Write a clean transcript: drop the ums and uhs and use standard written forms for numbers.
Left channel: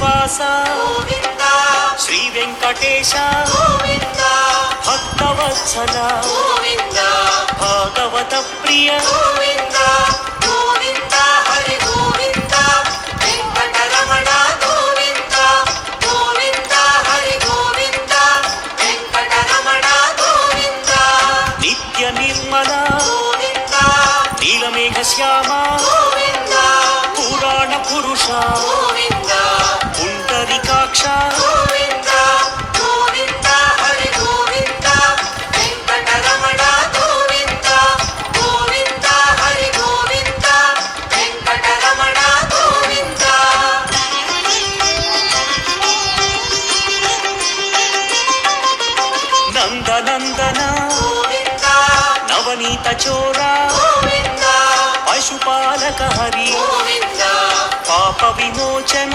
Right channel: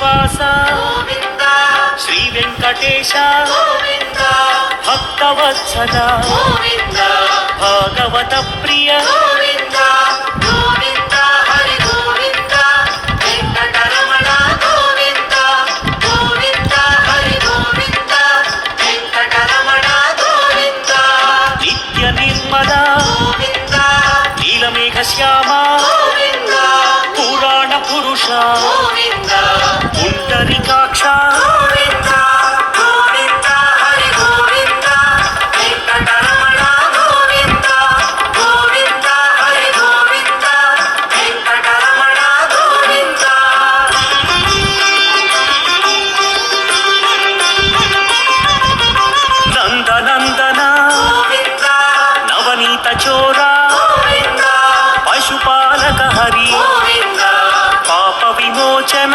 శ్రీనివాస శ్రీ వెంకటేశ భక్తవత్సల భాగవత ప్రియ నిత్య నిర్మల నీలమేఘ శ్యామ పురాణ పురుష పుండరీకాక్ష నందనందన నవనీత చోరా పశుపాలక హరి పాప విమోచన